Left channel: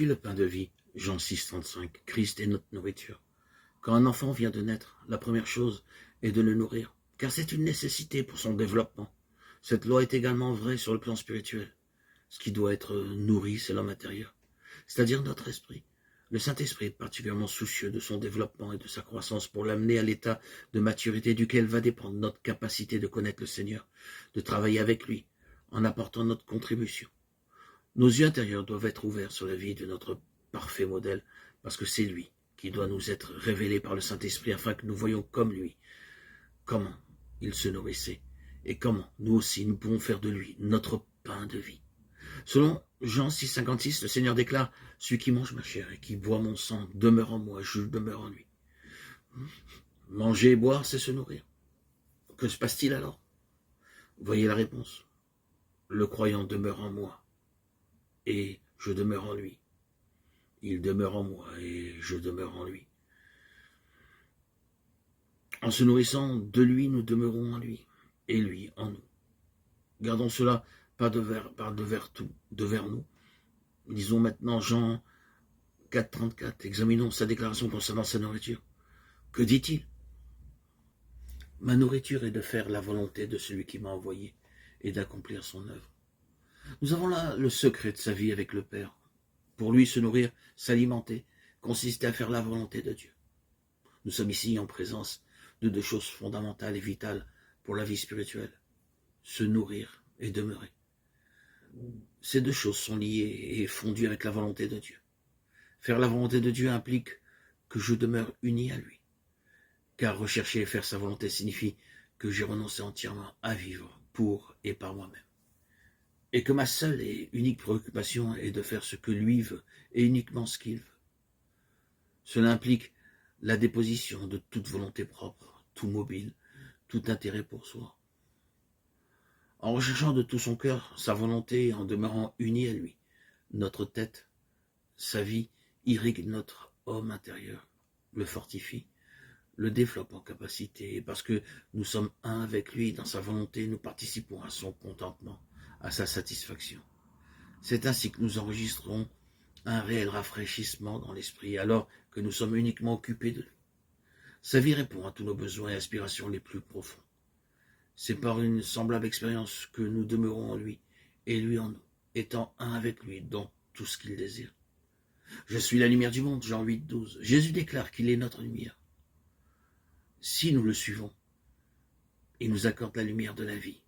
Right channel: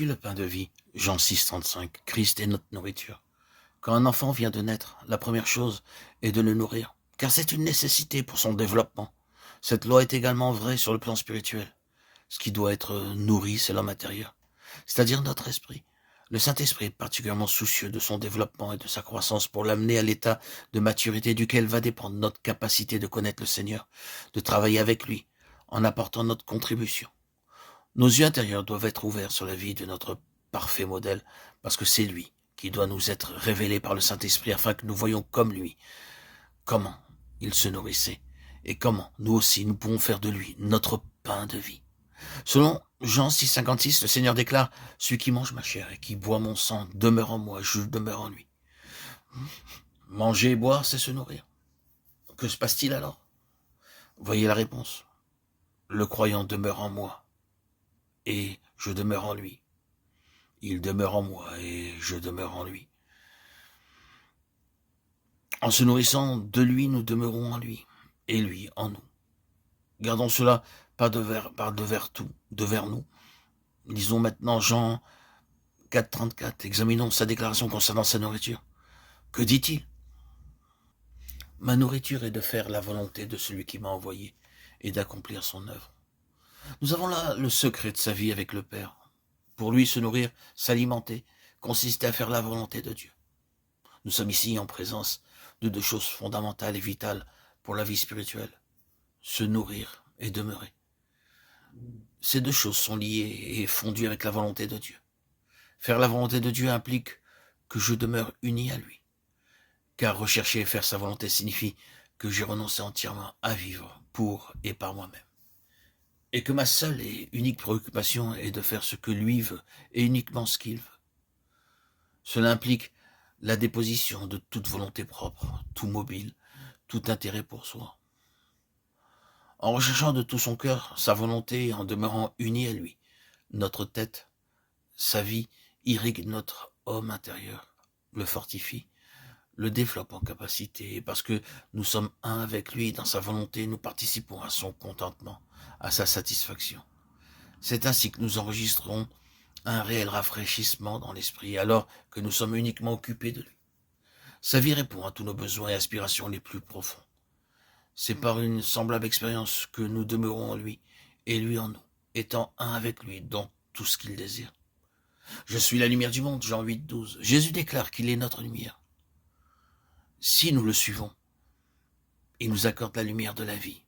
suis le pain de vie. Jean 6, 35. Christ est notre nourriture. Quand un enfant vient de naître, la première chose est de le nourrir, car c'est une nécessité pour son développement. Cette loi est également vraie sur le plan spirituel. Ce qui doit être nourri, c'est l'homme intérieur, c'est-à-dire notre esprit. Le Saint-Esprit est particulièrement soucieux de son développement et de sa croissance pour l'amener à l'état de maturité duquel va dépendre notre capacité de connaître le Seigneur, de travailler avec lui, en apportant notre contribution. Nos yeux intérieurs doivent être ouverts sur la vie de notre parfait modèle, parce que c'est lui qui doit nous être révélé par le Saint-Esprit afin que nous voyions comme lui comment il se nourrissait et comment nous aussi nous pouvons faire de lui notre pain de vie. Selon Jean 6, 56, le Seigneur déclare « Celui qui mange ma chair et qui boit mon sang demeure en moi, je demeure en lui. » Manger et boire, c'est se nourrir. Que se passe-t-il alors? Voyez la réponse. Le croyant demeure en moi et je demeure en lui. Il demeure en moi et je demeure en lui. En se nourrissant de lui, nous demeurons en lui et lui en nous. Gardons cela pas devers nous. Lisons maintenant Jean 4, 34. Examinons sa déclaration concernant sa nourriture. Que dit-il? Ma nourriture est de faire la volonté de celui qui m'a envoyé et d'accomplir son œuvre. Nous avons là le secret de sa vie avec le Père. Pour lui, se nourrir, s'alimenter, consistait à faire la volonté de Dieu. Nous sommes ici en présence de deux choses fondamentales et vitales pour la vie spirituelle. Se nourrir et demeurer. Ces deux choses sont liées et fondues avec la volonté de Dieu. Faire la volonté de Dieu implique que je demeure uni à lui. Car rechercher et faire sa volonté signifie que j'ai renoncé entièrement à vivre pour et par moi-même. Et que ma seule et unique préoccupation est de faire ce que lui veut et uniquement ce qu'il veut. Cela implique la déposition de toute volonté propre, tout mobile, tout intérêt pour soi. En recherchant de tout son cœur sa volonté et en demeurant uni à lui, notre tête, sa vie, irrigue notre homme intérieur, le fortifie, le développe en capacité, et parce que nous sommes un avec lui dans sa volonté, nous participons à son contentement, à sa satisfaction. C'est ainsi que nous enregistrons un réel rafraîchissement dans l'esprit, alors que nous sommes uniquement occupés de lui. Sa vie répond à tous nos besoins et aspirations les plus profonds. C'est par une semblable expérience que nous demeurons en lui, et lui en nous, étant un avec lui dans tout ce qu'il désire. Je suis la lumière du monde, Jean 8, 12. Jésus déclare qu'il est notre lumière. Si nous le suivons, il nous accorde la lumière de la vie.